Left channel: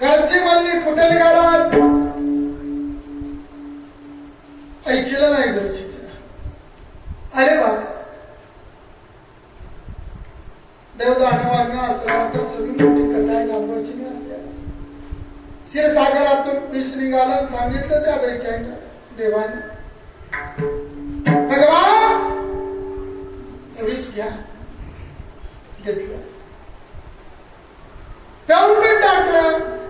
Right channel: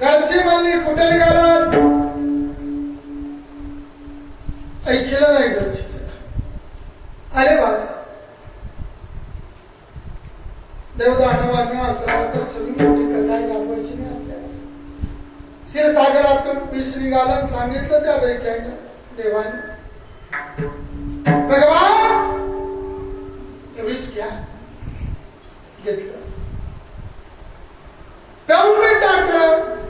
घरची म्हणली कुठे निघालात? ऐकलं नाही घरचीच. आले बाबा. देवदानवांना असला तर चवी मोठी कथा आहे लांबायची नाही आपल्याला क्षीरसागरातून विष निघाला सांगितलं त्या दैत्यानं देवाने. भगवान! विष घ्या. घेतलं. पेऊन मी टाकलं.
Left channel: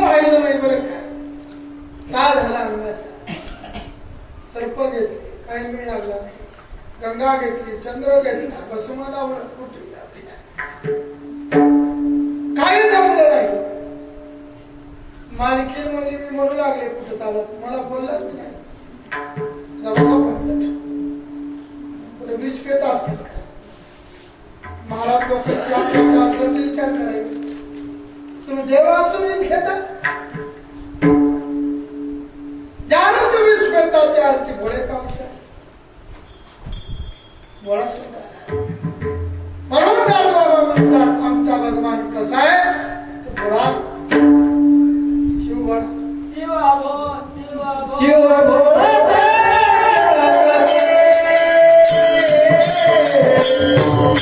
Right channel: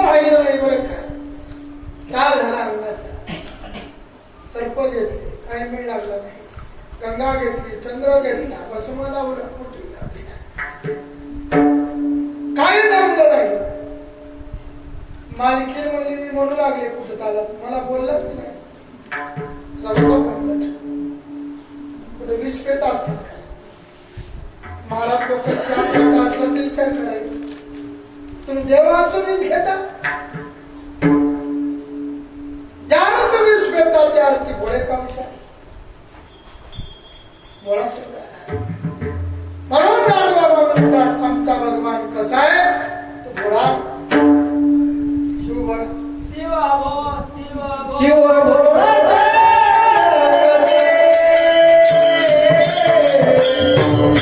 राहिलं नाही बरं झाला अंगाचा? सर्प घेतले काही मिळ लागला नाही. गंगा घेतली चंद्र घेतला भस्म लावलं कुठली लागली नाही. काही जमलं नाही. मालकी म्हणजे मी म्हणू लागले कुठे चालत. मला बोललाच नाही. You.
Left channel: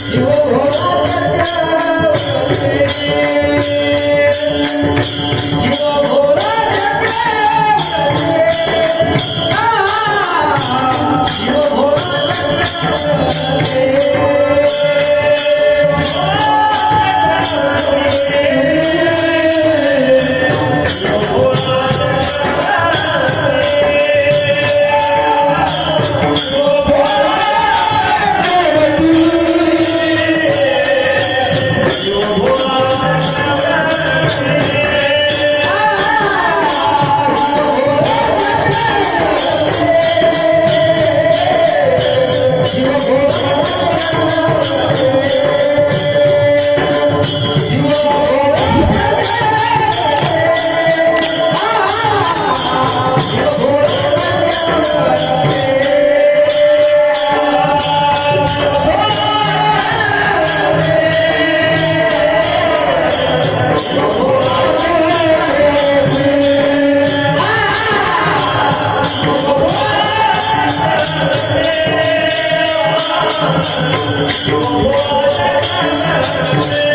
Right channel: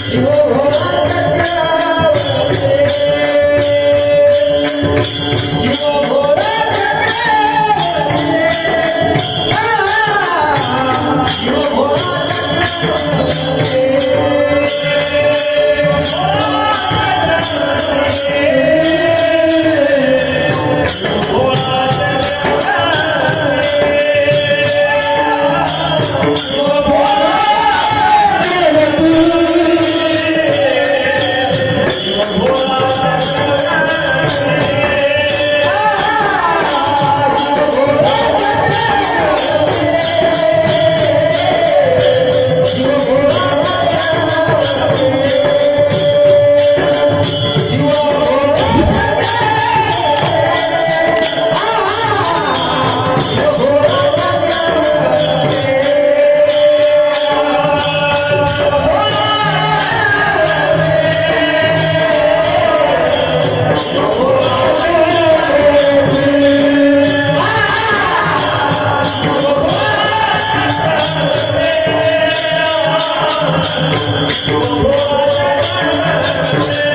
Oh,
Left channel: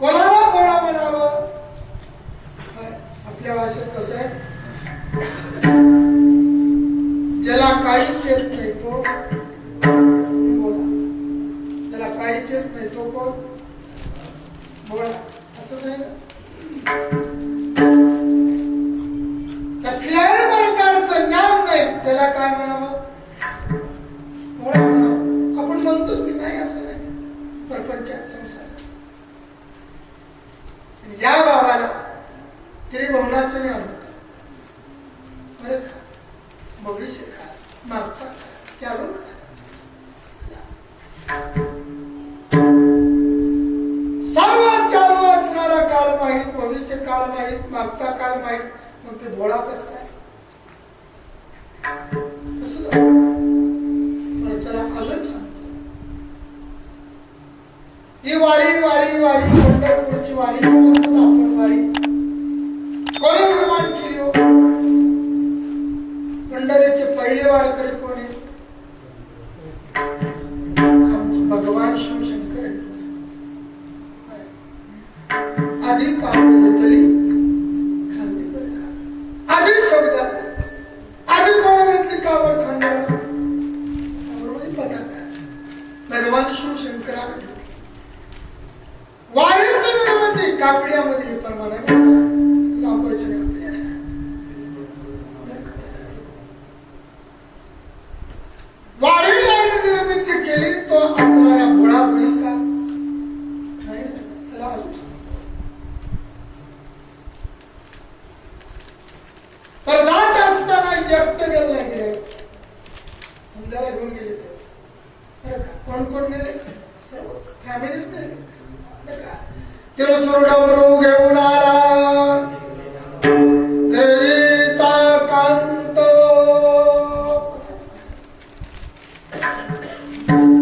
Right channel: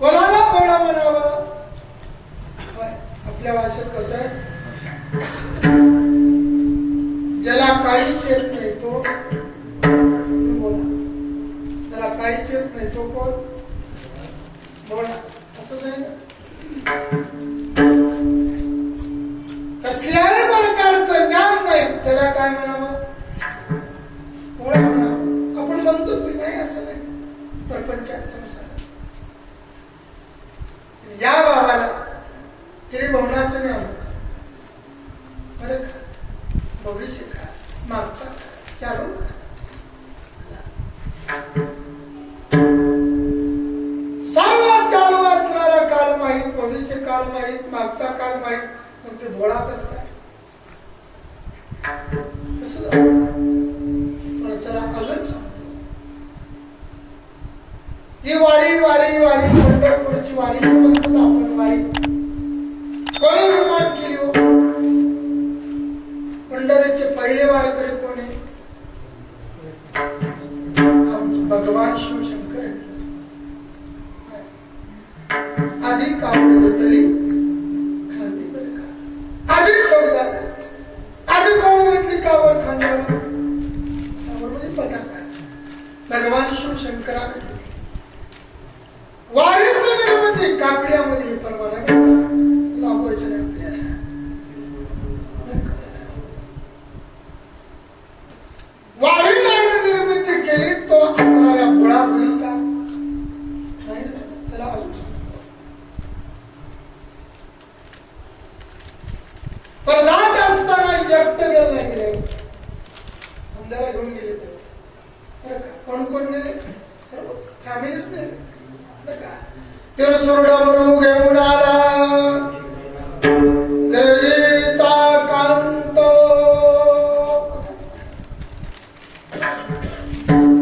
कोणाला कोणा म्हणावं? आपल्या भाषेत कसं आहे? ज्याला काहीच येत नाही तो बोला. ज्याला काहीच येत नाही तो कोण? बोला. असं नाही ना? भविष्य काय मागचा काय चालू. सर्वात चालू असणारा काल माहीत भविष्य काल माहीत मागचा काल माहीत. मग ते बोळा कस काय ही वारी वारी वारी पंढरपूरची वारी आपण वारी. Charlie.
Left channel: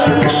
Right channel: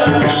Yeah.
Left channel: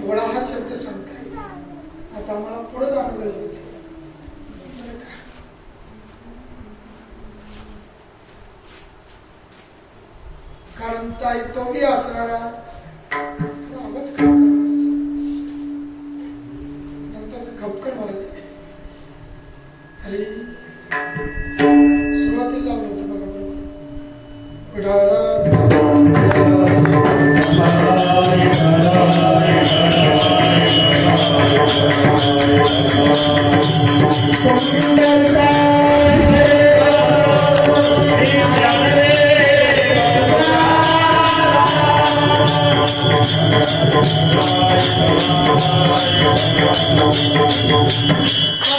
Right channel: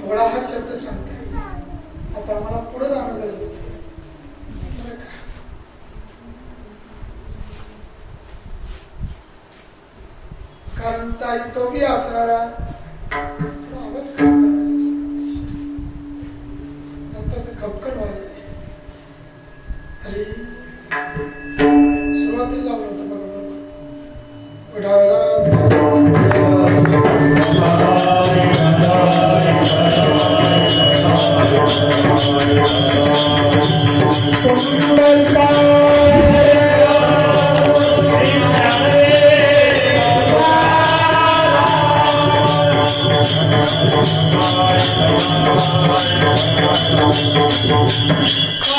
गोळा हा शब्द सांगते आता मला पुढे जाणं गरजेचं कारण ताई तो बी असणारा Come on.